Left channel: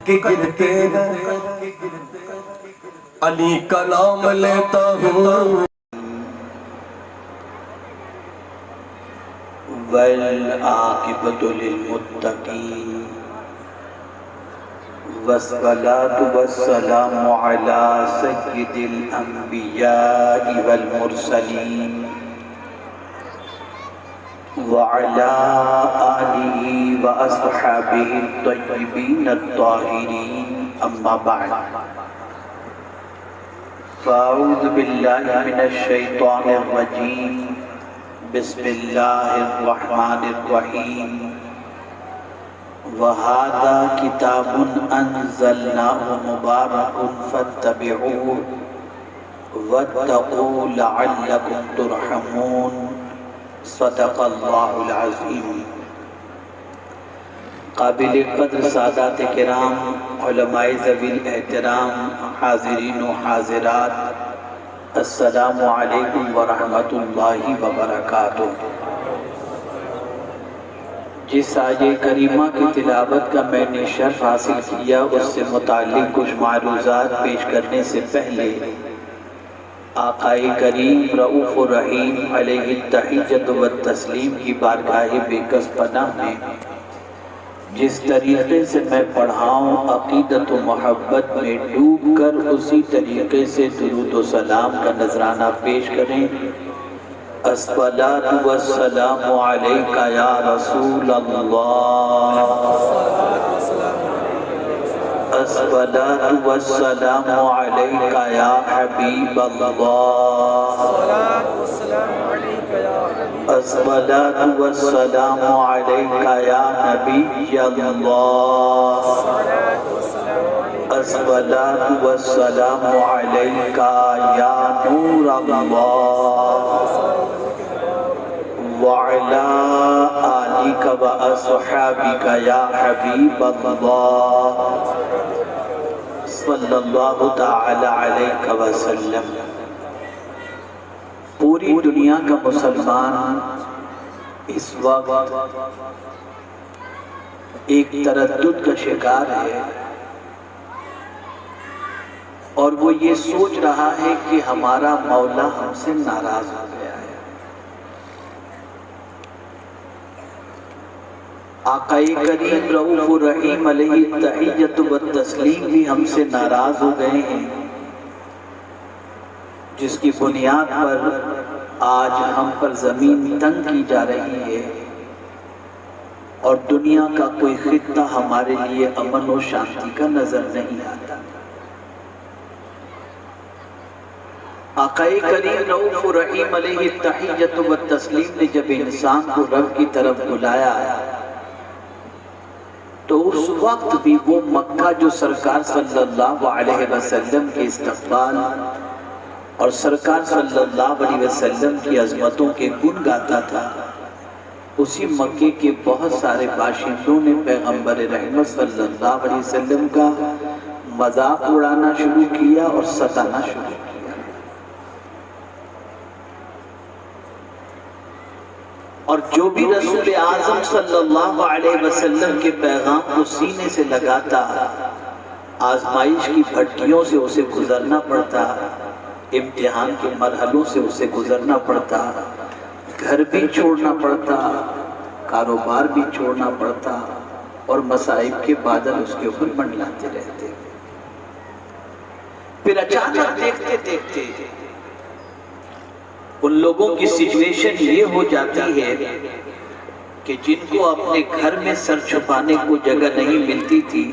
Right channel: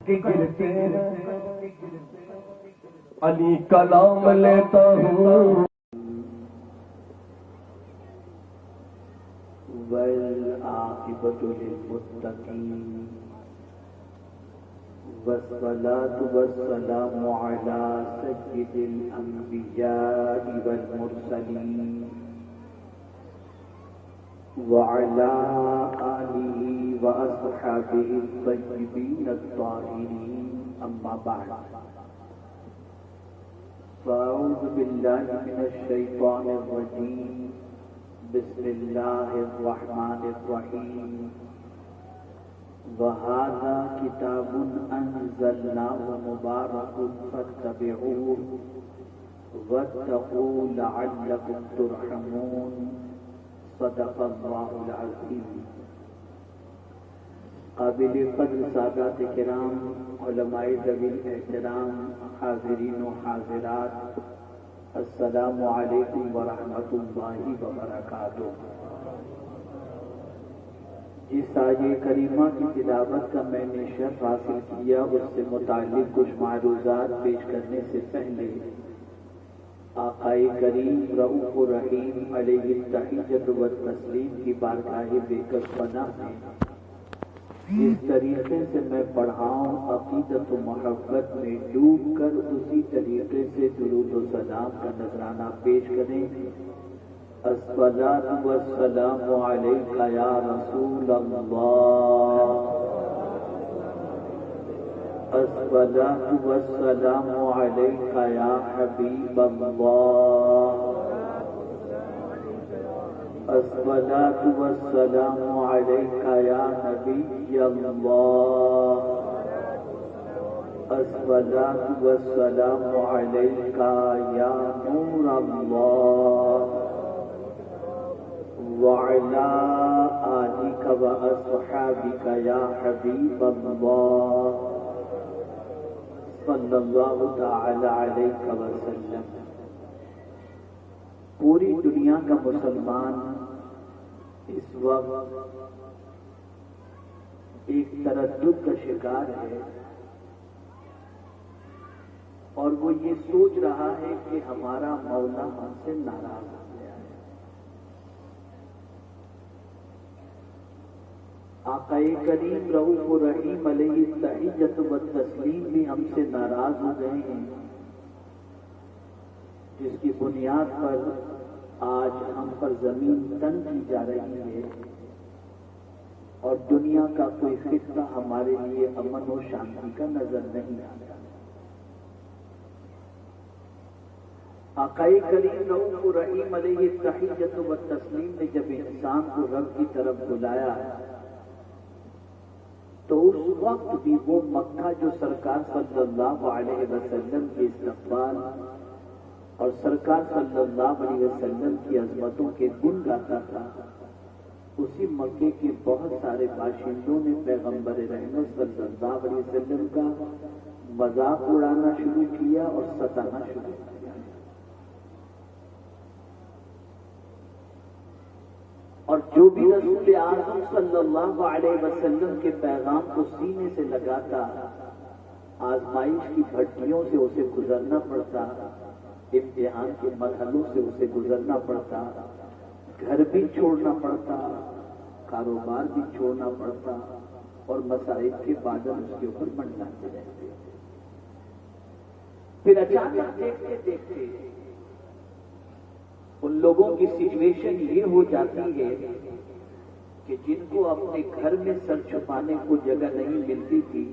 کہ گرتے علی کا نام لیتا ہوں والعاقبۃ للمتقین والصلاة والسلام علی سید الانبیاء والمرسلین وعلى آلہ واصحابہ الطیبین الطاہرین اما بعد فاعوذ باللہ من الشیطان الرجیم بسم اللہ الرحمن الرحیم وَهَذَا كِتَابٌ أَنزَلْنَاهُ مُبَارَكٌ فَاتَّبِعُوهُ وَاتَّقُوا لَعَلَّكُمْ تُرْحَمُونَ صدق اللہ العظیم۔ قابل قدر سادات کرام، علماء ذوی الاحترام، حاضرین و حاضرات، السلام علیکم ورحمۃ اللہ وبرکاتہ۔ جس آیہ کریمہ کی تلاوت کا میں نے شرف حاصل کیا، اس سے متعلق کچھ معروضات پیش کرنے سے پہلے آقا کریم رؤوف الرحیم علیہ التحیۃ والتسلیم کی بارگاہ بے کس پناہ میں جس طریقے سے میں پڑھاؤں، عقیدت و محبت میں ڈوب کر اسی طریقے سے درود و سلام کا نذرانہ پیش کریں۔ الصلاۃ والسلام علیک یا رسول اللہ، الصلاۃ والسلام علیک یا حبیب اللہ، الصلاۃ والسلام علیک یا نبی اللہ، الصلاۃ والسلام علیک یا نور اللہ، وَعَلَىٰ آلِكَ وَأَصْحَابِكَ يَا حَبِيبَ اللَّهِ صلی اللہ تعالی علیہ وسلم۔ پوری دنیا کا مسلمان اس وقت ایک تردد کا شکار ہے، اور وہ یہ سوچ رہا ہے کہ ہمارا مولا ہم سے ناراض ہو گیا ہے۔ آقا کریم رؤوف الرحیم علیہ التحیۃ والتسلیم بھی ہم سے ناراض ہو گئے ہیں، جس کی بنیاد پر آج ہم پر زمین تنگ کی جا رہی ہے، اور دنیا کا کوئی خطہ ہمارے لیے امن و شانتی کا نظر نہیں آتا۔ آقا کریم رؤوف الرحیم علیہ التحیۃ والتسلیم نے جب انسان کو رب کی طرف بلایا تو اس وقت بھی وہ مکہ جو سرکار صلی اللہ علیہ وسلم کے استقبال اور سرکار صلی اللہ علیہ وسلم کی عظمتوں کے گن گاتا تھا، اسی مکے کے بہت سارے باشندوں نے پیغمبر رحمت صلی اللہ علیہ وسلم کا مذاق اڑانا شروع کیا اور ستانا شروع کیا۔ اور جو بھی رسول اعظم صلی اللہ علیہ وسلم کے پیغام کو سینے سے لگاتا، آزمائش کی بھٹیوں سے اسے گزرنا پڑتا، امتحان کے مرحلوں سے اسے گزرنا پڑتا، گھر بھی چھوڑنا پڑتا، کاروبار بھی چھوڑنا پڑتا، اور مصائب کے بادل اس کے اوپر منڈلاتے رہتے۔ پھر اچانک دیکھتے دیکھتے ان لوگوں کی سچویشن یہ ہو جاتی ہے کہ جن کو اپنے گھر میں سر چھپانے کو جگہ نہیں ملتی تھی،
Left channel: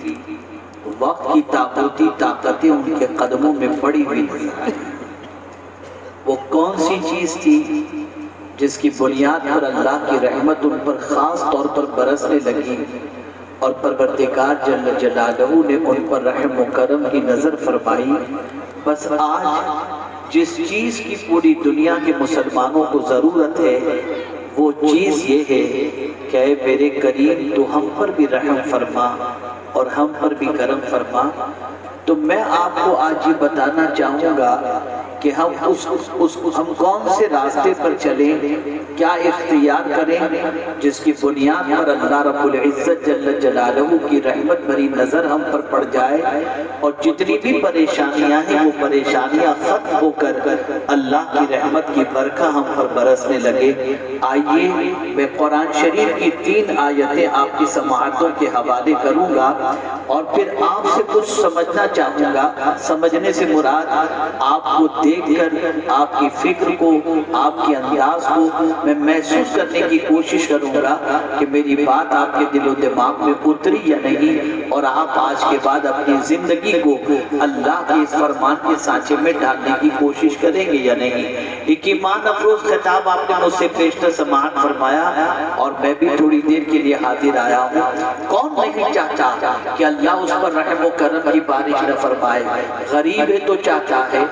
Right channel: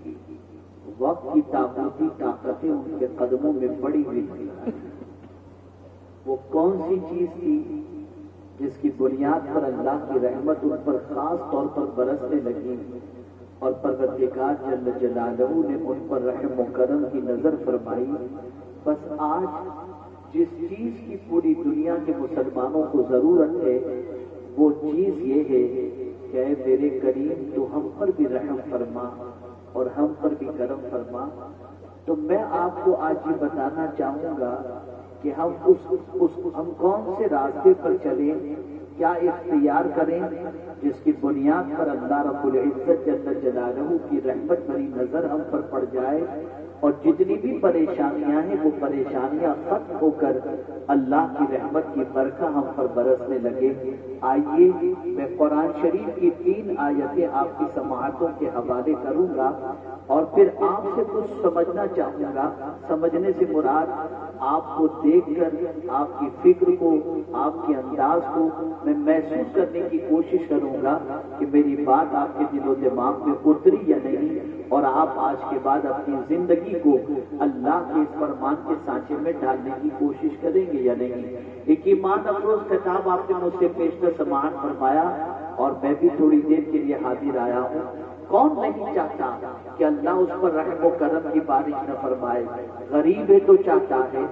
وقت کی طاقتی طاقتیں ان کے قدموں میں پڑی ہوئی تھی۔ وہ کون سی چیز تھی جس کی بنیاد پر اللہ کی رحمت ان پر خاص طور پر برسنے لگی، اور پروردگار جل جلالہ نے ان پر رحم و کرم کی نظر فرمائی؟ بس آج جس چیز کی پوری دنیا کے مسلمانوں کو ضرورت ہے، وہ چیز یہ ہے کہ اے میرے کریم تو ہم پر بھی رحم فرما اور ہم پر بھی کرم فرما۔ تو میں آپ کو آج یہ بتانا چاہوں گا کہ ہم ہم کون سے راستے پر چلیں، کیا اختیار کریں جس کی بنیاد پر اللہ رب العزت جل جلالہ کی رحمت بھری نظر ہم پر پڑ جائے اور جتنی بھی پریشانیاں ہیں وہ پریشانیاں ختم ہو کر اللہ کی رحمت کی برکھا ہم پر برسنے لگے۔ آئیے میں قرآن شریف کی 3 آیتیں آپ کی سماعتوں کے حوالے کروں گا اور پھر آپ سے کچھ سمجھنا چاہوں گا۔ سمجھنے سے مراد آپ کو دیکھ کر آپ کی فکر کو، آپ کے انداز کو میں محسوس کرنے کی کوشش کروں گا کہ میری بات آپ کے دل و دماغ میں اتری یا نہیں، اور آپ آج کے بعد اپنی زندگی کو اللہ کے اس فرمان کے سانچے میں ڈالنے کی کوشش کریں گے یا نہیں۔ ایک ایمان افروز خطاب آپ نے مجھ سے پیشتر سماعت فرمایا اور میں بھی تھوڑی دیر کے لیے حاضر آیا ہوں۔ کون نہیں چاہتا کہ اللہ اس پر رحم و کرم کی بارش نہ فرمائے؟ غریب ہے تو چاہتا ہے،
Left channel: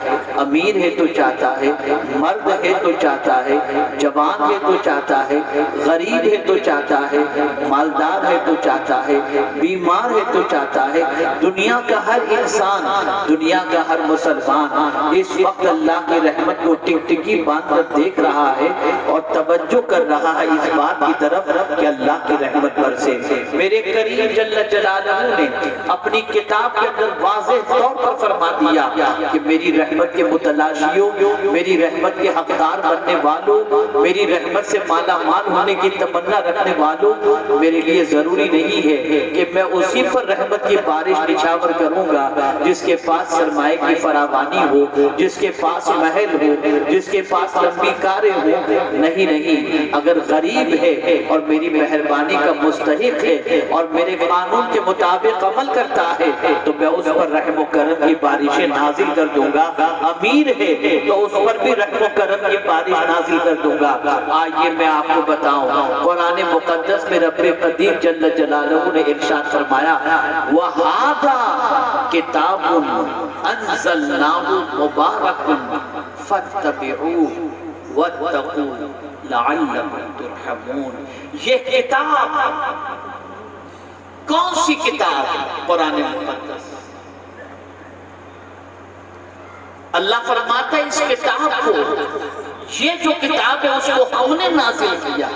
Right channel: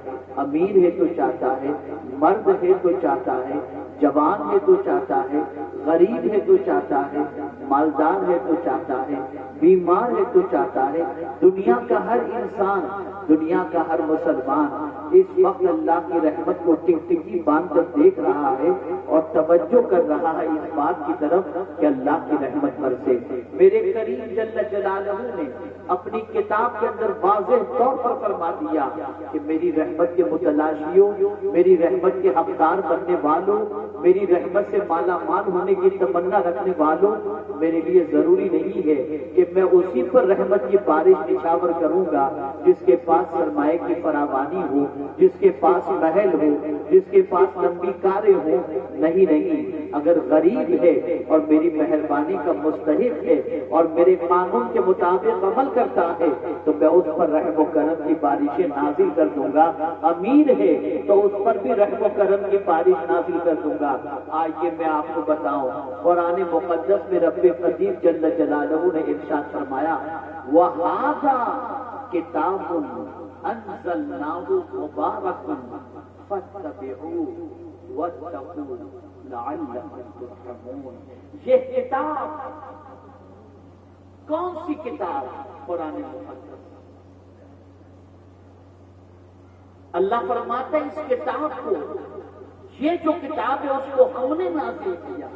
امیر ہے تو چاہتا ہے، مرد ہے تو چاہتا ہے، جوان ہے تو چاہتا ہے، غریب ہے تو چاہتا ہے، مالدار ہے تو چاہتا ہے، بیمار ہے تو چاہتا ہے۔ دنیا کا ہر انسان، دنیا کا ہر مسلمان اس وقت اللہ کی رحمت کو ٹک ٹکی باندھ کر دیکھ رہا ہے اور توجہ کر رہا ہے اس بات کی طرف کہ اللہ کی رحمت برسے۔ میرے کریم جل جلالہ نے اپنی کتاب کے اندر واضح طور پر فرما دیا کہ میری رحمت کے متلاشیوں، میری رحمت کے حقدار بننے والوں، میری رحمت سے مالا مال ہونے کی تمنا رکھنے والوں، میرے لیے ضروری نہیں ہے کہ میں اسی پر رحمت کی بارش نچھاور کروں گا جس کے پاس سرمایہ کی فراوانی ہو، جس کے پاس محل ہو، جس کے پاس لمبی کاریں ہو۔ نہیں نہیں، اگر غریب ہے اور میری مہربانی کا مستحق ہے اور میرے قانون کے مطابق عمل کرتا ہے تو میں اس پر رحم و کرم کی بارشیں نازل کر دوں گا۔ امیر ہے تو اس پر بھی رحم و کرم کی بارش نازل کر دوں گا۔ آئیے میں آپ کو بتاؤں، قرآن مقدس میں رب قدیر جل جلالہ نے ارشاد فرمایا وَهَذَا كِتَابٌ أَنزَلْنَاهُ مُبَارَكٌ فَاتَّبِعُوهُ وَاتَّقُوا لَعَلَّكُمْ تُرْحَمُونَ۔ یہ کتاب کون سی کتاب؟ قرآن مقدس۔ اللہ فرماتا ہے اس کتاب کو، یہ جو کتاب ہے اس کو ہم نے نازل کیا۔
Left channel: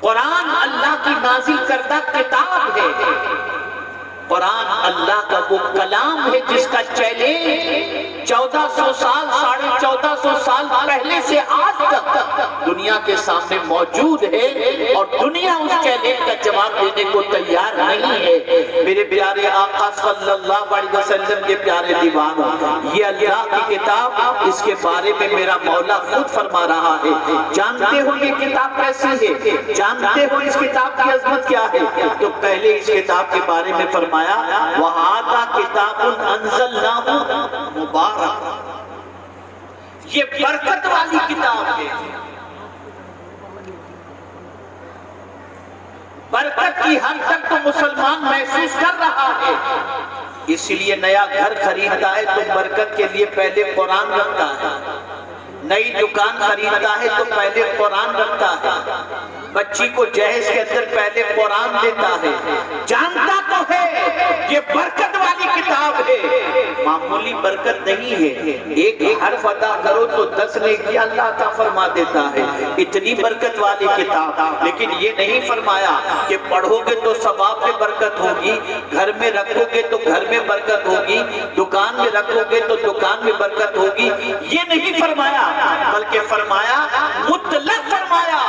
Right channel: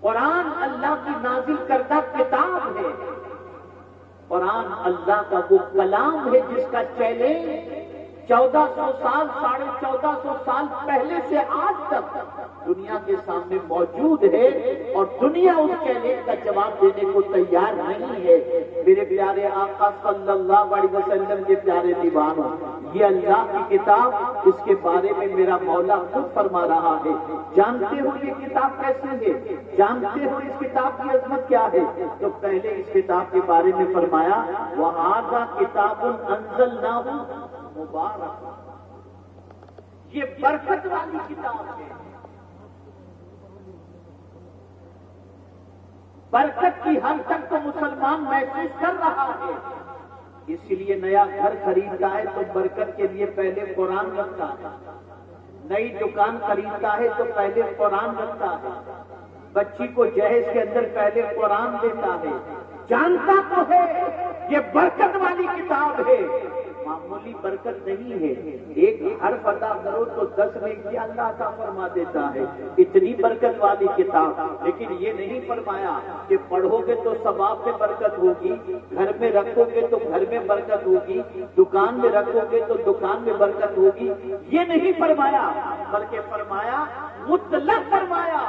قرآن اللہ کی نازل کردہ کتاب ہے۔ قرآن اللہ کا وہ کلام ہے جس کا چیلنج 1400 سال، 1450 سال پہلے سے آج تک دنیا کے سامنے موجود ہے اور دنیا اس چیلنج کا جواب دینے کو تیار نہیں ہے۔ میرے پیارے آقا صلی اللہ علیہ وسلم کے پیارے دیوانوں، یہ اللہ کی کتاب، اس کے بارے میں میرا مولا خود فرما رہا ہے۔ جانتے ہو یہ کتاب کیسی ہے؟ جانتے ہو اس کتاب کی عظمت کیا ہے؟ تو پہلے اس کتاب کے بارے میں فرمایا وَهَذَا كِتَابٌ أَنزَلْنَاهُ مُبَارَكٌ، یہ برکت والی کتاب ہے۔ برکت کی حد تک تو مسلمان محسوس کر رہا ہے، اس لیے نیا گھر خریدتا ہے تو برکت کے لیے پہلے قرآن رکھتا ہے، نئی دکان خریدتا ہے تو پہلے قرآن رکھتا ہے، بچی کو جہیز کے اندر پہلے قرآن دیتا ہے۔ جانتا تو ہے یہ برکت والی کتاب ہے، معمولی برکت نہیں ہے۔ ایک حرف ادا کرو تو 10 نیکی اللہ عطا فرما دیتا ہے، اتنی برکت والی کتاب۔ لیکن یہ نہیں فرمایا کہ پڑھو گے تو ثواب میں برکت ہوگی، گھر میں رکھو گے تو گھر میں برکت ہوگی، دکان میں رکھو گے تو دکان میں برکت ہوگی، یہ نہیں فرمایا، بلکہ فرمایا مطلق فرمایا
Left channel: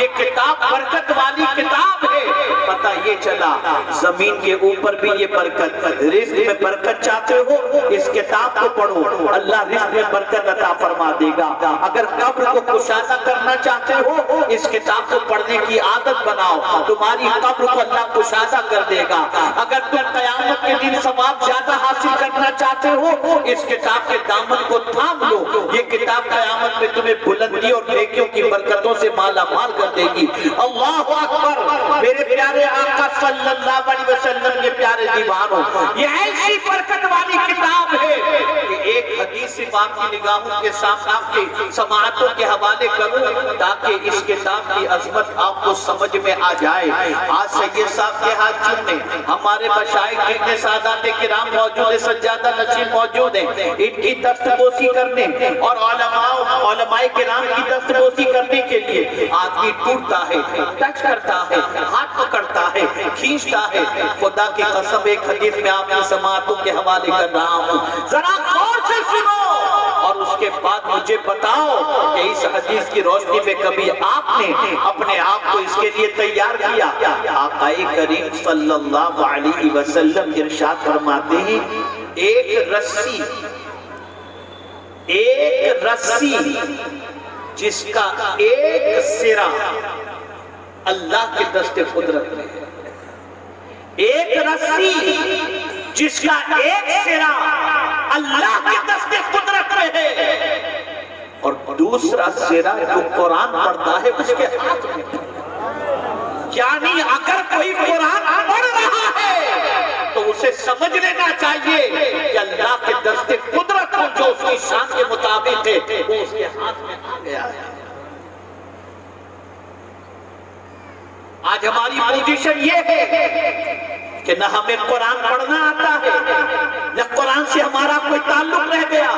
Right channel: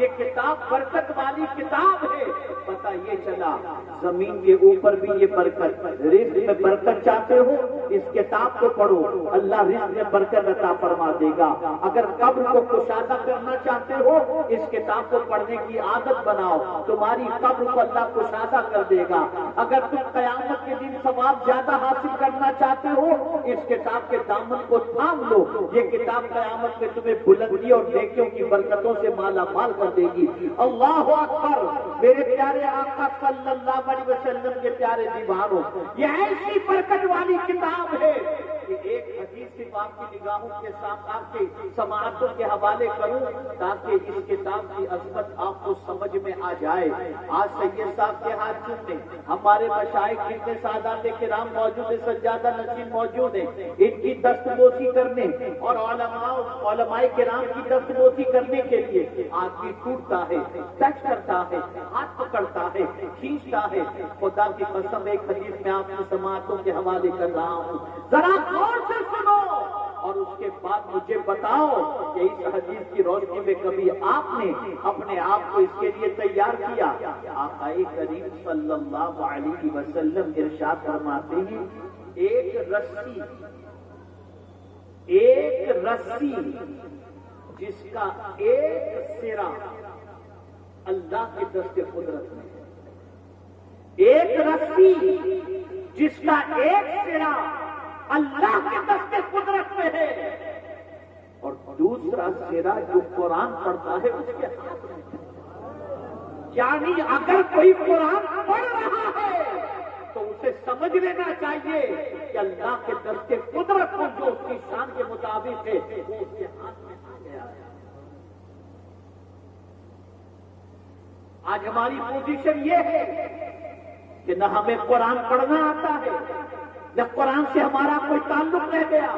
یہ کتاب برکت والی کتاب ہے۔ پتہ یہ چلا زمین کے اوپر بھی یہ برکت، رزق میں برکت چاہتے ہو اس کتاب کو پڑھو، اللہ رزق میں برکت عطا فرما دے گا۔ اگر قبر کو کشادہ کرنا چاہتے ہو اس کتاب کو پڑھنے کی عادت بناؤ، تمہاری قبر کو اللہ کشادہ کر دے گا۔ اگر تم قیامت کے دن ثواب زیادہ حاصل کرنا چاہتے ہو اس کتاب کے دامن کو تھام لو، یہ کتاب قیامت میں تمہیں بلندی اور نیکیوں کی برکتوں سے مالا مال کر دے گی۔ اللہ اکبر! میرے پیارے آقا صلی اللہ علیہ وسلم کے پیارے دیوانوں، یہ ایسی برکت والی کتاب ہے کہ ایک حدیث پاک کی نگاہوں کے سامنے آپ کی سماعتوں کے حوالے کروں تاکہ اس کتاب کی عظمت آپ کو سمجھ میں آ جائے۔ آج سید صاحب کے ہاتھ چومنے ہمارے مشائخ اتنے سادات کرام موجود ہیں، سجادہ نشین موجود ہیں، ان کی دستبوسی کرنے اور علماء کرام کی دستبوسی کرنے کے لیے آدمی ٹوٹتا ہے، ٹچ کرتا ہے، ہاتھ پکڑتا ہے، کھینچتا ہے۔ خدا کی قسم ایک حدیث میں آپ کی سماعتوں کے حوالے کر رہا ہوں، ذرا غور سے سنو اور اس کے بعد مجھے بتاؤ کہ اس حدیث کی روشنی میں کبھی آپ نے اپنے آپ کو اس کے لیے تیار کیا؟ آقا کریم صلی اللہ علیہ وسلم ارشاد فرماتے ہیں ایک رسی جس کا ایک سرا اللہ کے دست قدرت میں ہے، ایک رسی جس کا ایک سرا اللہ کے دست قدرت میں ہے اور دوسرا سرا جو قرآن پڑھتا ہے اس کے ہاتھ میں ہے۔ یعنی اگر کوئی قرآن پڑھ رہا ہے تو اسے سمجھ لینا چاہیے کہ اللہ کے دست قدرت کو جو اس کی شان کے مطابق ہے وہ اس کے ہاتھ میں آ گیا ہے۔ آج ہماری پوزیشن یہ ہے کہ نہ ہمیں قرآن پڑھنا آتا ہے، نہ قرآن سے ہمارا کوئی تعلق رہ گیا،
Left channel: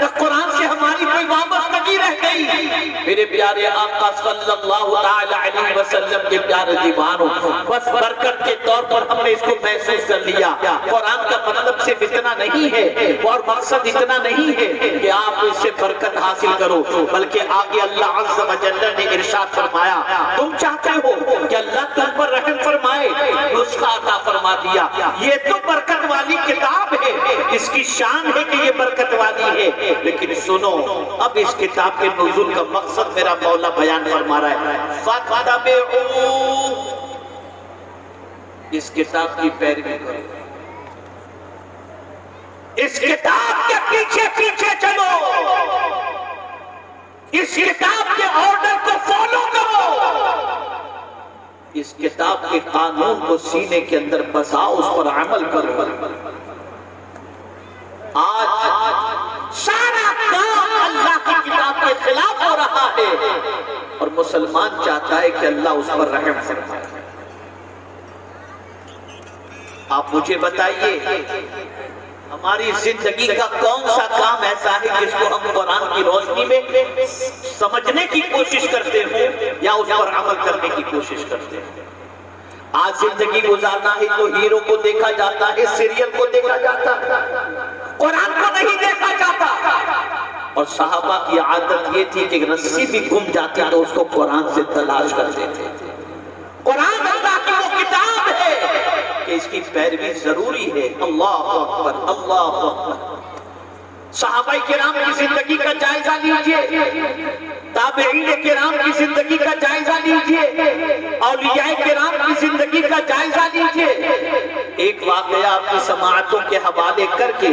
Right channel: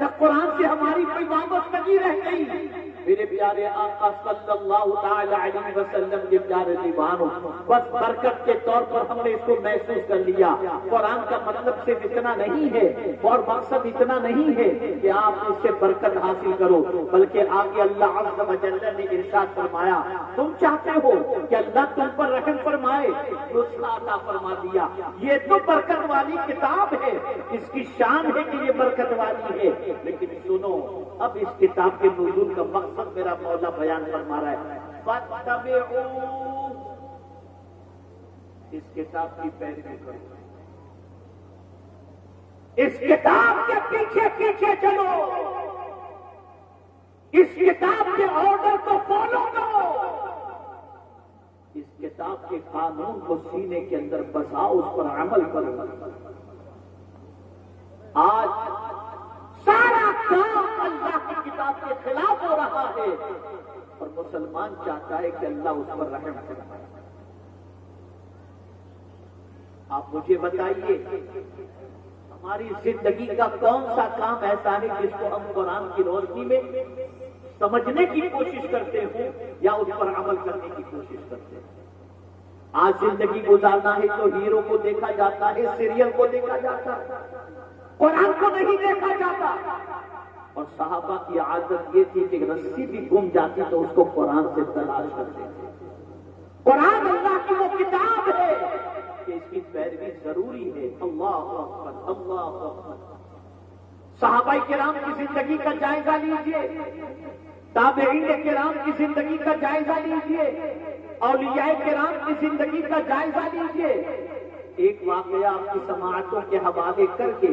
نہ قرآن سے ہماری کوئی وابستگی رہ گئی۔ میرے پیارے آقا صلی اللہ تعالی علیہ وسلم کے پیارے دیوانوں، بس برکت کے طور پر ہم نے اس کو محسوس کر لیا۔ قرآن کا مطلب صرف اتنا نہیں ہے اور مقصد اتنا نہیں ہے کہ آپ اس سے برکت حاصل کرو، بلکہ آگے اللہ عز و جل نے ارشاد فرمایا تم چاہتے ہو کہ اللہ تم پر رحم فرمائے، نسخہ عطا فرما دیا۔ یہ تو برکت والی کتاب ہے، اس کی شان ہے کہ یہ برکت والی ہے، لیکن سنو اب اس کتاب کے نزول کا مقصد میرا مولا بیان فرما رہا ہے۔ فَاتَّبِعُوا، اس کتاب کی پیروی کرو، اس کتاب کے پیچھے پیچھے چلو، اس کتاب کے آرڈر کو فالو کرو، اس کتاب کے قانون کو سینے کے اندر بساؤ، اس پر عمل کرو۔ آج سارا کام اللہ کی کتاب کے خلاف ہو رہا ہے اور مسلمان چاہتا ہے کہ اللہ اس پر رحم فرمائے۔ آپ مجھے بتائیے ہماری زندگی کا کون سا کام ایسا ہے جس کو ہم قرآن کی روشنی میں سمجھنے کی کوشش کرتے ہیں یا اس پر عمل کرنے کی کوشش کرتے ہیں؟ آج زندگی گزارنا ہے تو ہیرو کو دیکھا جاتا ہے، سیریل کو دیکھا جاتا ہے، قرآن کو نہیں دیکھا جاتا۔ اور صحابہ کی عادت یہ تھی کہ رسی بھی گم جاتی تو اس کو قرآن سے تلاش کرتے تھے۔ قرآن اللہ کی وہ کتاب ہے کہ اس کی پیروی ضروری ہے۔ اللہ اکبر، اللہ اکبر۔ صحابہ کرام کی زندگی کا جائزہ لیجئے، تابعین کرام کی زندگی کا جائزہ لیجئے، اولیاء کرام کی زندگی کا جائزہ لیجئے۔ ایک واقعہ آپ کی سماعتوں کے حوالے کر کے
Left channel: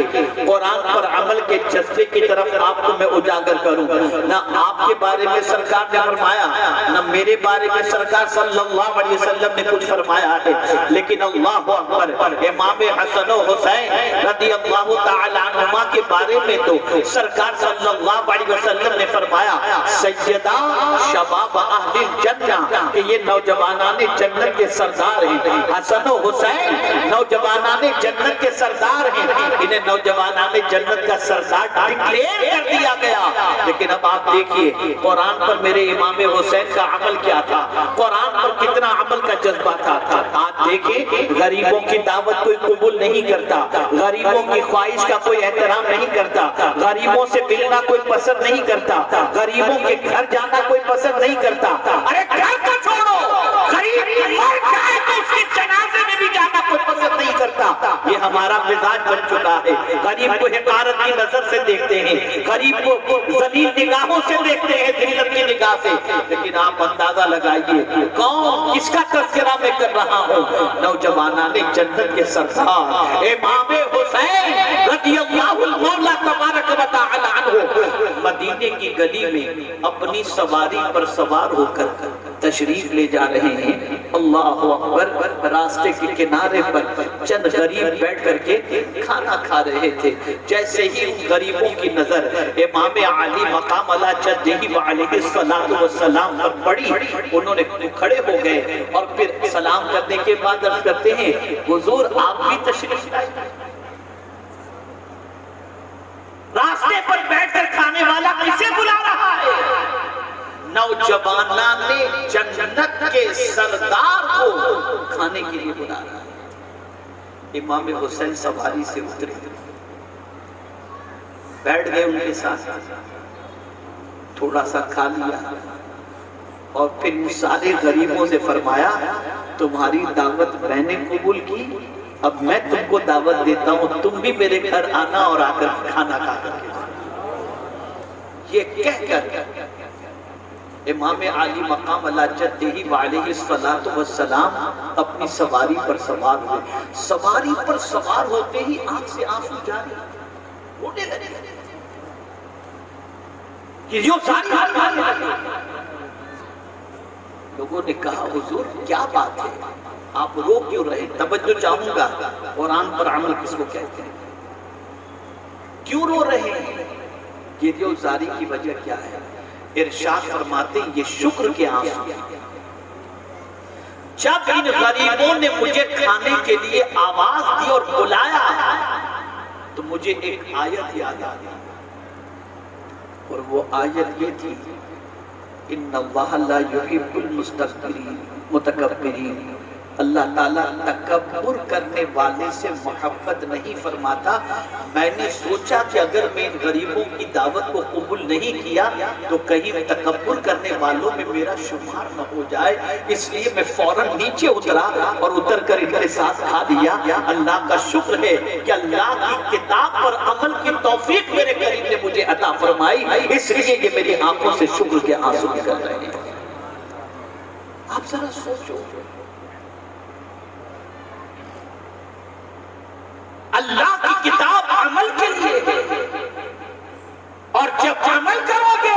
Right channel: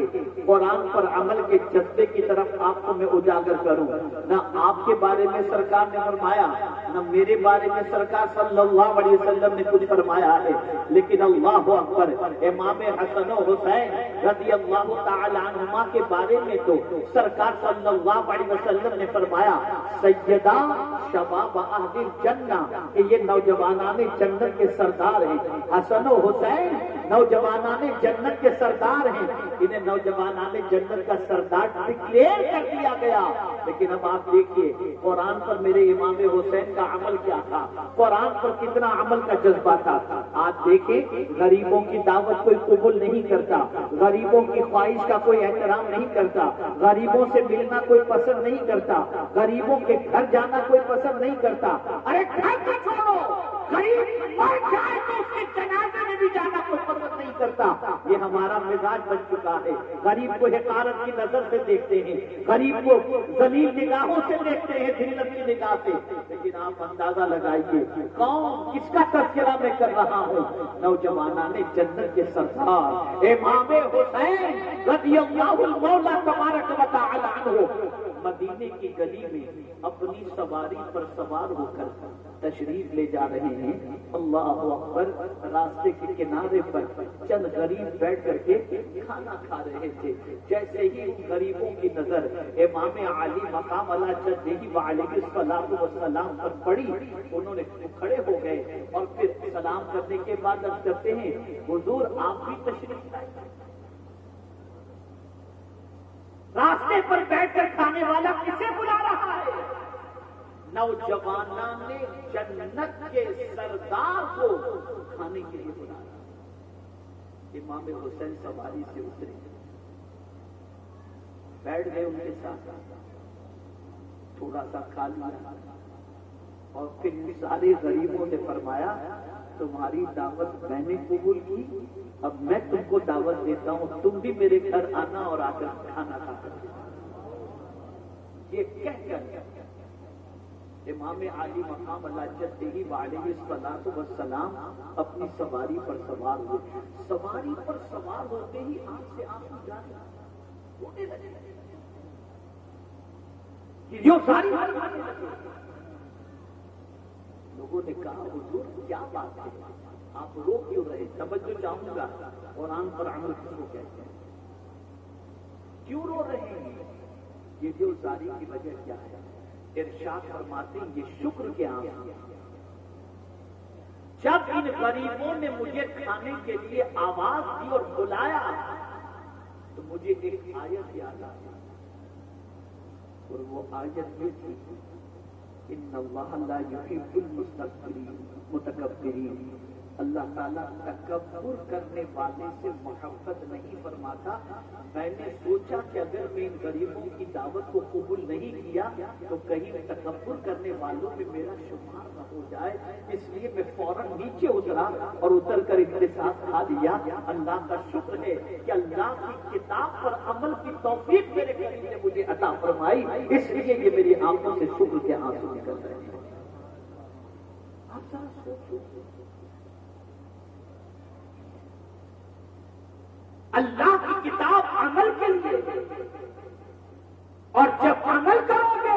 قرآن پر عمل کے جذبے کی طرف آپ کو میں اجاگر کروں۔ نہ آپ کے بارے میں سرکار نے فرمایا، نہ میرے بارے میں سرکار صلی اللہ علیہ وسلم نے کچھ فرمایا ہے، لیکن اللہ اکبر، امام حسن و حسین رضی اللہ تعالی عنہما کے بارے میں تو سرکار صلی اللہ علیہ وسلم نے فرمایا سیدہ شباب اہل الجنہ، کہ یہ نوجوانان جنت کے سردار ہیں۔ حسن و حسین نوجوانان جنت کے سردار ہیں، انہیں نوجوانان جنت کا سردار ڈکلیئر کر دیا گیا۔ لیکن اب آپ دیکھیے قرآن پر میرے امام حسین کا عمل کیا تھا، قرآن پر کتنا عمل کا جذبہ تھا۔ آپ دیکھیں غریبوں کی دعوت کوئی قبول نہیں کرتا، غریبوں کی خواہش کا کوئی احترام نہیں کرتا، غریبوں سے ملنا کوئی پسند نہیں کرتا، غریبوں کے گھر جانا کوئی پسند نہیں کرتا۔ ارے گھر کو چھوڑو، غریب مر جائے تو اس کے جنازے میں بھی جانا کوئی پسند نہیں کرتا۔ یہ ہمارا مزاج بن چکا ہے، غریب کو حقارت کی نظر سے دیکھتے ہیں، غریب کو ذلیل نگاہوں سے دیکھتے ہیں، ذلت کی نگاہ سے۔ لیکن آپ اندازہ لگائیے کون کس کا تذکرہ میں کر رہا ہوں؟ نوجوانان جنت کے سردار امام حسین رضی اللہ المولا تبارک و تعالی عنہ مدینے کی گلی میں اپنی سواری پر سوار ہو کر تشریف لے جا رہے ہیں، اللہ اکبر، راستے کے کنارے پر چند غریب بیٹھ کر کے کھانا کھا رہے تھے۔ جیسے ہی ان غریبوں کی نظر امام علی مقام علی جدہ علیہ السلام پر پڑی، انہوں نے کھڑے ہو گئے اور پھر سلام کرنے کے بعد عرض کرتے ہیں حضور آپ بھی تشریف لائے۔ راستے پر بیٹھ کر کھانے والا کسے بلا رہا ہے؟ نوجوانان نے جنت کے سردار کو کھانے کے لیے بلا رہا ہے۔ امام حسین سواری سے اترے، بیٹھ گئے ان کے ساتھ، تھوڑا سا کھا لیا اور پھر سارے غریبوں سے فرمایا تمہاری دعوت میں نے قبول کی، اب میں تم کو دعوت دیتا ہوں، تم بھی میرے گھر آنا اور آ کر کھانا کھا کر کے۔ یہ کہہ کر امام علی مقام علی جدہ علیہ السلام اپنی سواری پر سوار ہوئے۔ سواری پر سوار ہوتے ہی آنکھ سے آنسو جاری رونے لگے کہ یہ ساری لوگوں نے کہا حضور کیا بات ہے، آپ رو کیوں رہے؟ توجہ چاہوں گا، قرآن پر عمل کس کو کہتے ہیں؟ کیوں رو رہے ہیں؟ یہ دیوزاری کی وجہ کیا ہے؟ ارشاد فرماتے ہیں یہ شکر کے آنسو۔ جب ان غریبوں نے مجھے کھانے کے لیے آواز دی اور بلایا تو مجھے ایک آیت یاد آ گئی، اور وہ آیت یہ تھی ان اللہ لا یحب المتکبرین، اللہ تعالیٰ تکبر کرنے والے سے محبت نہیں فرماتا۔ میں نے سوچا کہ اگر میں ان غریبوں کی دعوت کو قبول نہیں کیا تو کہیں تکبر کرنے والوں میں میرا شمار نہ ہو جائے، اس لیے میں فوراً نیچے اترا اور اتر کر ان کے ساتھ کھا لیا۔ اللہ کا شکر ہے کہ اللہ کی کتاب پر عمل کی توفیق میرے قریب نے مجھے عطا فرمائی، اس لیے یہ میری آنکھوں سے شکر کے آنسو نکل رہے ہیں۔ آپ ذرا سوچو، اللہ کی کتاب عمل کے لیے، اور جب عمل کرو گے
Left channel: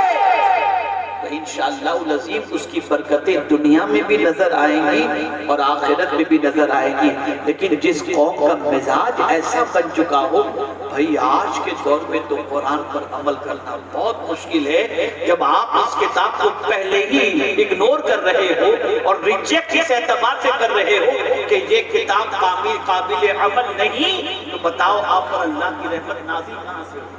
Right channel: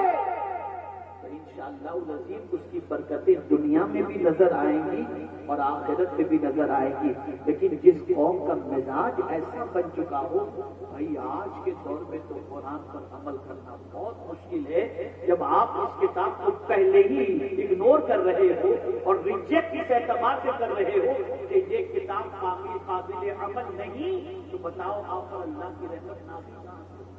تو انشاءاللہ العظیم اس کی برکتیں دنیا میں بھی نظر آئیں گی اور آخرت میں بھی نظر آئیں گی۔ لیکن جس قوم کا مزاج ایسا بن چکا ہو، بھائی آج کے دور میں تو قرآن پر عمل کرنا بہت مشکل ہے۔ جب آپ اس کتاب کو پہلے ہی اگنور کر رہے ہو اور ریجیکٹ اس اعتبار سے کر رہے ہو کہ یہ کتاب قابل عمل نہیں، تو بتاؤ آپ پر اللہ کی رحمت نازل کہاں سے ہو؟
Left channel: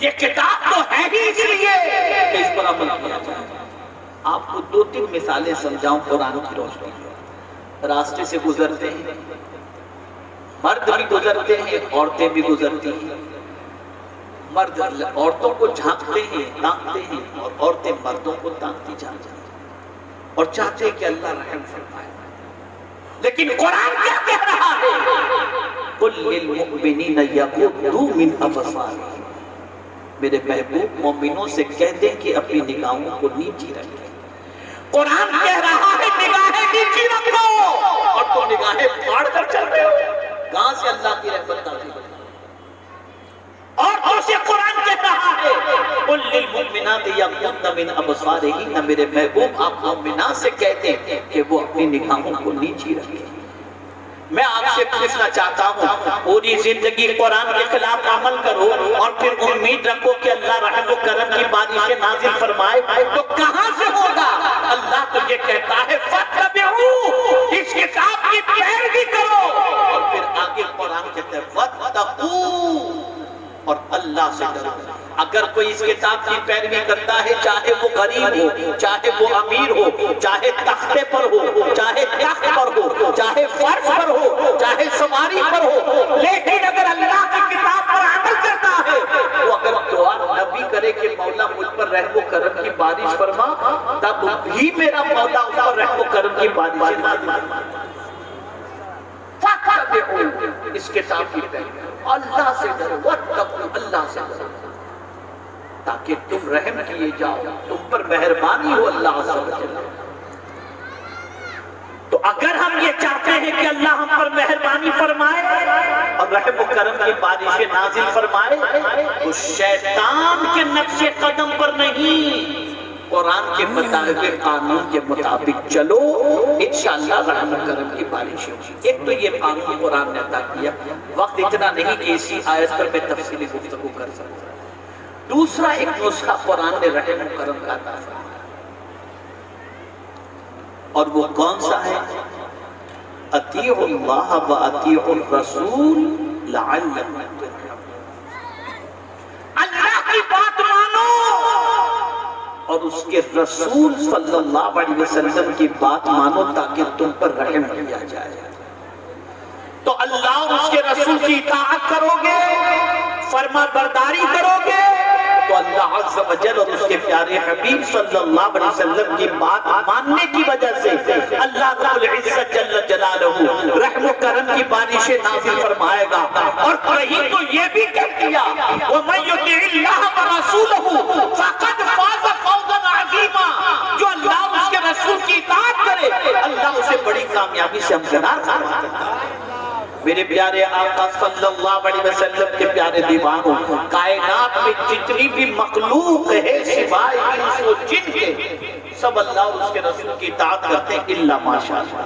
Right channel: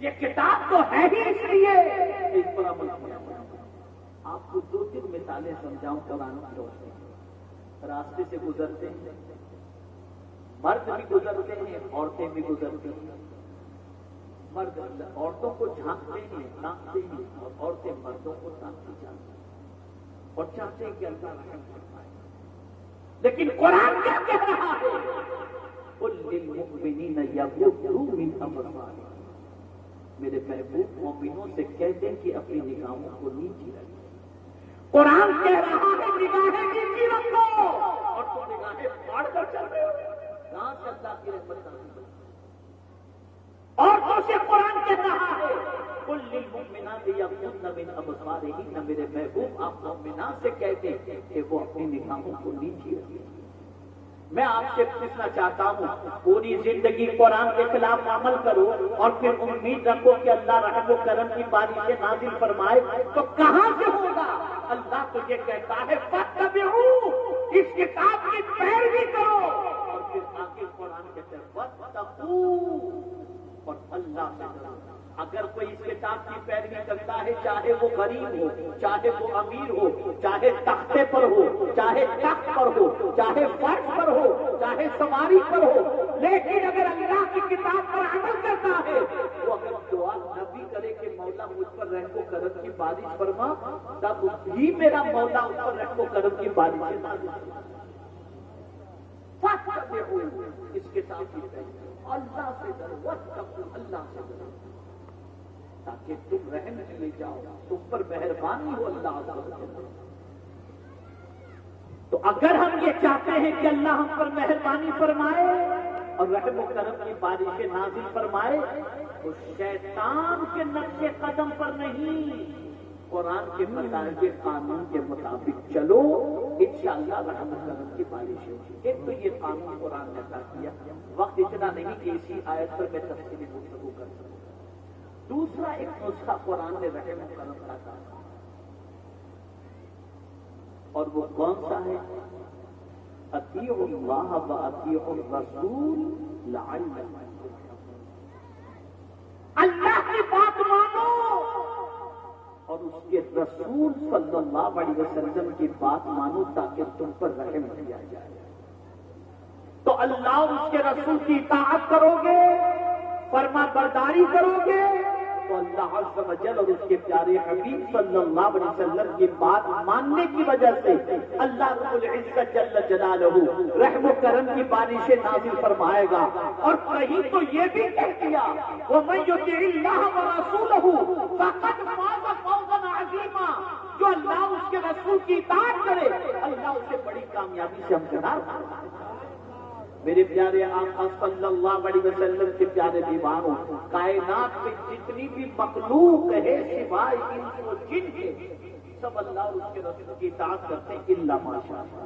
یہ کتاب تو ہے ہی اس لیے کہ اس پر عمل کیا جائے۔ آپ کو دو تین مثالیں سمجھاؤں قرآن کی روشنی میں۔ راستے سے گزرتے ہیں، مرد بھی گزرتے ہیں، عورتیں بھی گزرتی ہیں۔ مرد عورتوں کو جھانکتے ہیں، تانکتے ہیں، اور عورتیں مردوں کو تانکتی جاتی ہیں اور چاہتے ہیں کہ اللہ رحم فرمائے۔ لیکن قرآن کیا کہہ رہا ہے؟ قُلْ لِلْمُؤْمِنِينَ يَغُضُّوا مِنْ أَبْصَارِهِمْ، میرے محبوب مومنوں سے کہہ دیں کہ اپنی نگاہوں کو نیچی رکھیں۔ قرآن کہہ رہا ہے نگاہیں نیچی رکھو، اور تم نگاہیں پھاڑ کر چل رہے ہو، کہاں سے اللہ کی رحمت نازل ہوگی؟ اور دوسرے قرآن کہہ رہا ہے قُلْ لِلْمُؤْمِنَاتِ يَغْضُضْنَ مِنْ أَبْصَارِهِنَّ، میرے محبوب آپ مومنات سے کہہ دیں کہ وہ اپنی نگاہوں کو نیچی رکھیں۔ میں آپ سے پوچھنا چاہتا ہوں، پوری زندگی قرآن کے خلاف عمل کرو اور پھر امید رکھو کہ اللہ رحم و کرم کی بارشیں نازل فرمائے، تو کہاں سے ہوگا؟ اللہ تو یہ کہتا ہے فَاتَّبِعُوا، اس کتاب کی پیروی کرو، اور پھر آگے قرآن کہتا ہے وَاتَّقُوا، اور اللہ سے ڈرو۔ اگر کوئی اس کتاب کی پیروی کرتا ہے، چاہے وہ غریب ہو، چاہے وہ امیر ہو، چاہے تختے پر ہو، چاہے تخت پر ہو، چاہے فرش پر ہو، چاہے سواری پر ہو، لیکن اگر اللہ کی کتاب پر عمل کرتا ہے، وہ اگر دعا نہ بھی کرے کہ مولا مجھ پر رحم و کرم کی بارش فرما، تب بھی میرا مولا اس پر رحم و کرم کی بارش فرما۔ اس کتاب کی پیروی اللہ سے ڈرو، واتقوا، اللہ سے ڈرو، تاکہ تم رحم کیے جاؤ، تم پر مہربانی ہو اللہ عز و جل۔ تو اگر ہم یہ چاہتے ہیں کہ اللہ ہم پر مہربانی فرمائے اور رحم و کرم کی بارشیں نازل فرمائے، تو شیطان کے نقش قدم پر نہیں، قرآن کے بتائے ہوئے قانون کے مطابق چلو، انشاءاللہ رحم و کرم کی بارش ہوگی۔ ایک تو یہ قانون قرآن نے عطا کیا، وقت اتنا نہیں کہ اسی آیت پر میں تفصیلی گفتگو کر سکتا۔ دوسرا ایک نسخہ قرآن نے رحم و کرم کا عطا فرمایا، اور وہ کون سا ہے؟ اطیعوا اللہ و اطیعوا الرسول لعلکم ترحمون۔ اللہ کی بات مانو اور اس کے رسول صلی اللہ علیہ وسلم کی بات مانو تاکہ تم پر رحم کیا جائے۔ تو اللہ اور اس کے رسول کی اطاعت کرو گے، فرما برداری کرو گے، تو اللہ عز و جل اور اس کے پیارے حبیب صلی اللہ علیہ وسلم کی بات ماننے کی وجہ سے اللہ رب العزت جل جلالہ رحم و کرم کی بارشیں نازل فرمائے گا۔ اور کہیں تو یہ بھی کہہ دیا وَمَن يُطِعِ اللَّهَ وَرَسُولَهُ فَقَدْ فَازَ فَوْزًا عَظِيمًا، جو اللہ اور اس کے رسول کی اطاعت کرے اللہ اسے بڑی کامیابی سے ہمکنار فرماتا ہے۔ میرے پیارے آقا صلی اللہ علیہ وسلم کے پیارے دیوانوں، کائنات میں جتنی بھی مخلوق ہے سوائے انس و جن کے، سب اللہ اور اس کے رسول کی اطاعت کرتے ہیں الا ماشاءاللہ۔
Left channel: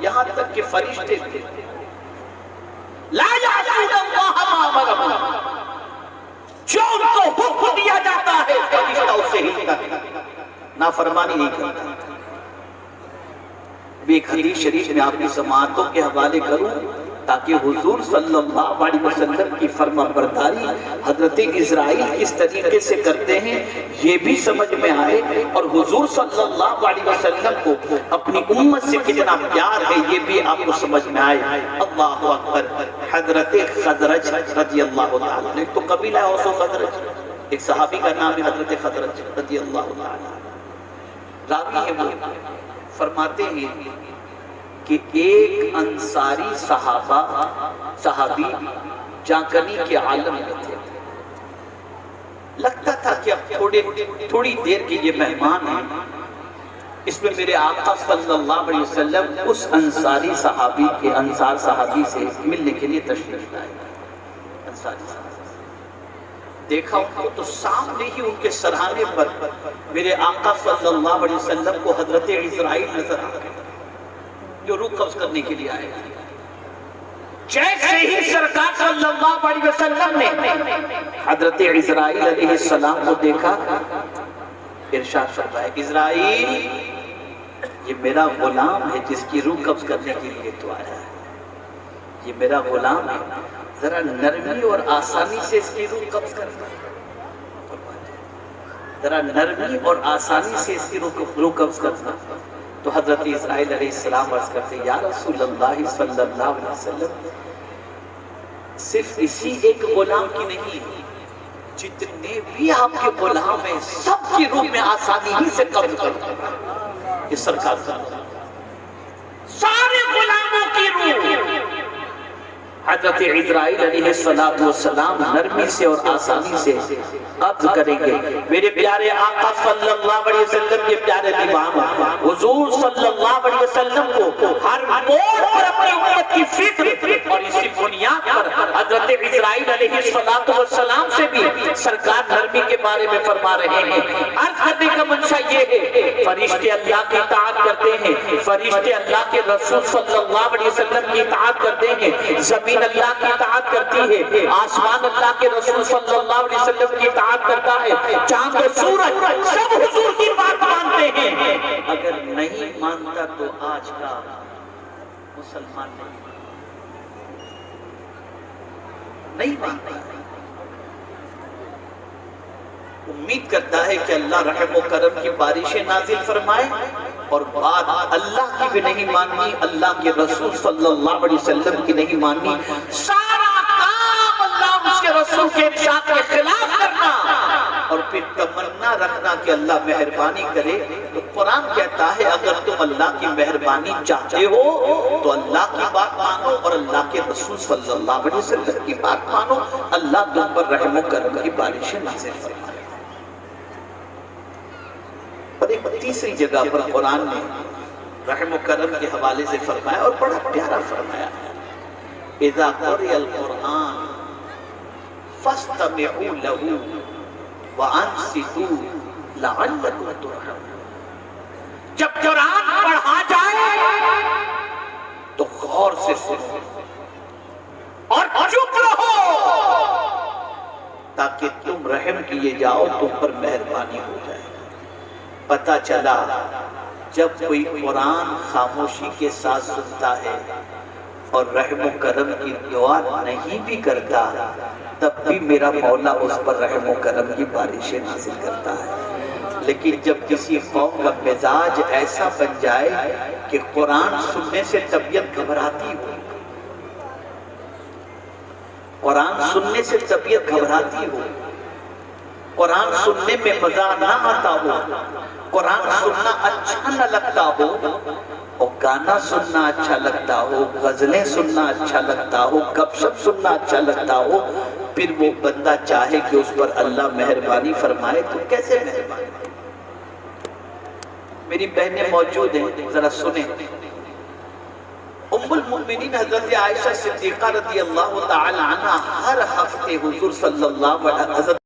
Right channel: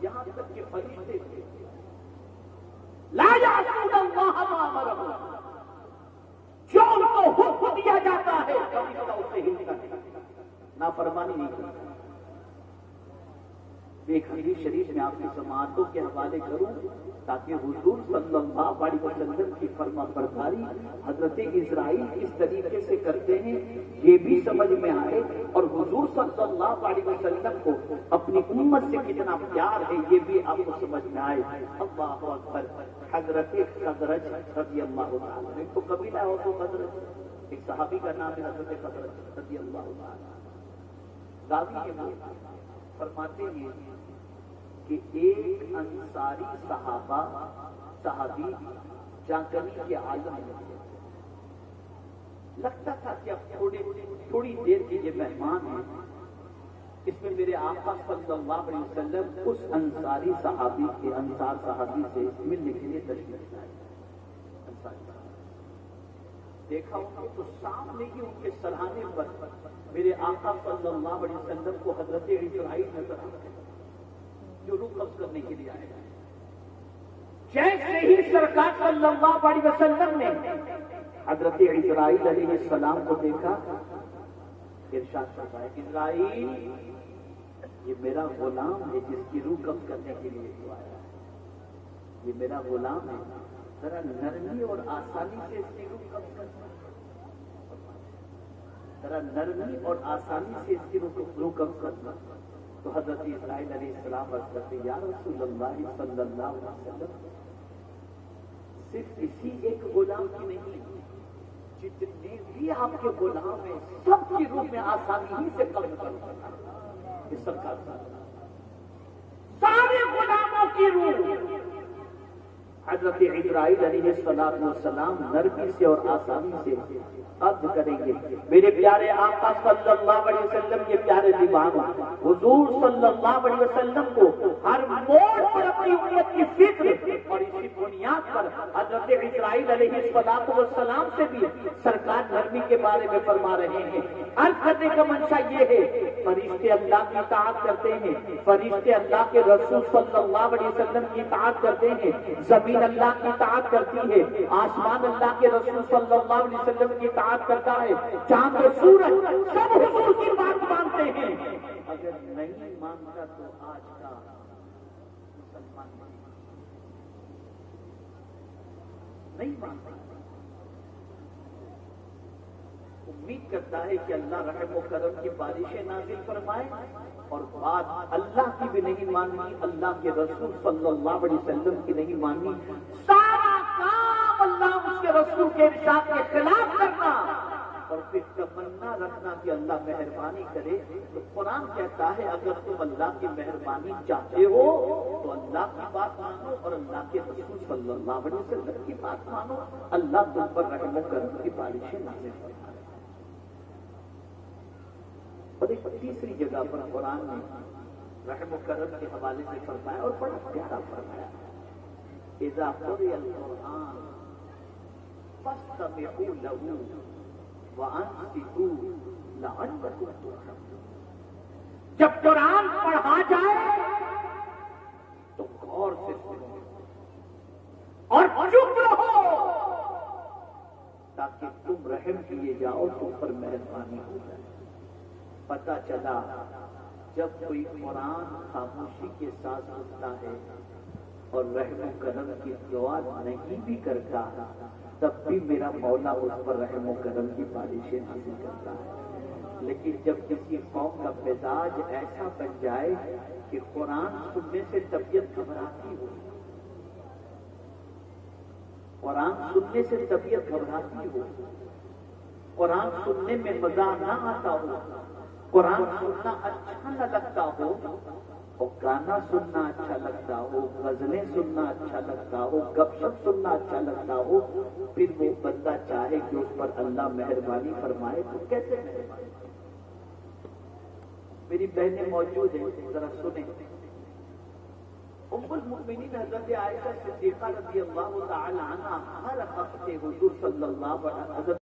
یہاں تک کہ فرشتے تھے لا یعصون اللہ ما امرهم، جو ان کو حکم دیا جاتا ہے فرشتہ اسے ہلتا ہے، نافرمانی نہیں کرتا۔ ایک حدیث شریف میں آپ کی سماعتوں کے حوالے کروں تاکہ حضور صلی اللہ علیہ وسلم کی فرما برداری حضرت اسرائیل کس طریقے سے کرتے ہیں یہ بھی سمجھ میں آئے، اور حضور صلی اللہ علیہ وسلم کو اپنی امت سے کتنا پیار ہے یہ بھی آپ کو سمجھ میں آئے۔ اللہ اکبر۔ حضرت خزرج رضی اللہ تعالیٰ، ایک تو قبیلہ اوس و خزرج، ایک صحابی کا نام ہے حضرت خزرج رضی اللہ تعالیٰ، راوی ہے وہ، فرماتے ہیں کہ ایک انصاری صحابی جاکنی کے عالم میں تھے، لگتا تھا کہ اب تھوڑی دیر کے یہ مہمان ہیں، اس میں میرے آقا صلی اللہ علیہ وسلم اس انصاری صحابی سے ملنے کے لیے تشریف لائے۔ انصاری صحابی دیکھا ان کو تو سامنے ہی ان کے سرہانے پر میرے آقا صلی اللہ علیہ وسلم کو حضرت اسرائیل نظر آ گئے جو روح قبض کرنے کے لیے آئے۔ جیسے ہی سرکار صلی اللہ علیہ وسلم نے حضرت اسرائیل علیہ السلام کو دیکھا، ارشاد فرمایا اسرائیل یہ میرا غلام ہے جس کی روح قبض کرنے کے لیے تو آیا ہے، یہ میرا غلام ہے، ذرا نرمی اور آسانی سے اس کی روح قبض کرنا، ذرا نرمی اور آسانی سے اس کی روح قبض کرنا۔ تو حضرت اسرائیل علیہ السلام عرض کرتے یا رسول اللہ صلی اللہ علیہ وسلم، صرف اسی ایک غلام کی نہیں، جتنے بھی آپ کے غلام ہیں سب کی روح میں آسانی ہی سے قبض کرنا۔ یہ سرکار سارے غلاموں کی روح حضرت اسرائیل علیہ السلام نرمی سے اور آسانی سے قبض کریں گے۔ میرے پیارے آقا صلی اللہ علیہ وسلم کے پیارے دیوانوں، حضور صلی اللہ علیہ وسلم کو ہر موڑ پر اپنی امت کی فکر، اور اسی بنیاد پر حضرت اسرائیل علیہ السلام سے بھی سرکار نرمی کے بارے میں فرما رہے ہیں۔ عرض کرنے کا منشا یہ ہے فرشتے اللہ کی اطاعت کرتے ہیں، فرشتے اللہ کے رسول صلی اللہ علیہ وسلم کی اطاعت کرتے ہیں، زمین اللہ کی اطاعت کرتی ہے، آسمان اللہ کے رسول صلی اللہ علیہ وسلم کی اطاعت کرتا ہے، چاند و سورج سب حضور کی بات مانتے ہیں۔ اگر نہیں مانتا تو آج کا مسلمان نہیں مانتا، امید کرتا ہے کہ اللہ رحم و کرم کی بارشیں نازل فرمائے، اور بات اللہ کی بھی نہیں ماننی، اللہ کے رسول صلی اللہ علیہ وسلم کی نہیں ماننی، سارا کام اللہ اس کے رسول کے ارشاد کے خلاف کرنا، اور پھر تمنا رکھنا کہ اللہ مہربانی کرے۔ تو قرآن کہتا ہے اگر تم اللہ کی مہربانی چاہتے ہو تو اللہ کی بات مانو اور اللہ کے رسول صلی اللہ علیہ وسلم کی بات مانو، اللہ تم پر رحم و کرم کی بارشیں نازل فرمائے۔ اور ایک تیسری جگہ پر قرآن نے رحم و کرم کے حوالے سے فرمایا اور بڑا پیارا فرمایا، اذا قرئ القرآن فاستمعوا له وانصتوا لعلكم ترحمون۔ جب قرآن پڑھا جائے تو غور سے سنو اور چپ رہو تاکہ تم رحم کیے جاؤ، تم پر مہربانی ہو جائے۔ پتہ چلا جب کوئی قرآن خاموشی کے ساتھ سنتا ہے اور رحم و کرم کی دعا نہیں بھی کرتا، تب بھی میرا مولا اس پر رحم و کرم کی بارشیں نازل کرتا ہے۔ لیکن جب کسی قوم کا مزاج ایسا بن جائے کہ قرآن سننے سے طبیعت گھبراتی ہو، قرآن سننے سے طبیعت گھبراتی ہو، قرآن سننے میں مزہ نہ آتا ہو، قرآن سننا اچھا نہ لگتا ہو، اور گانا سننا اچھا لگتا ہو، غزلیں سننا اچھا لگتا ہو، گپ شپ سننا اچھا لگتا ہو، پھر وہ بندہ چاہے کہ اس پر اللہ مہربانی فرمائے تو کیسے مہربانی؟ میری بہنیں موجود ہیں، ذرا سنیں۔ ام المؤمنین حضرت عائشہ صدیقہ رضی اللہ تعالی عنہ ہر ہفتے حضور صلی اللہ علیہ وسلم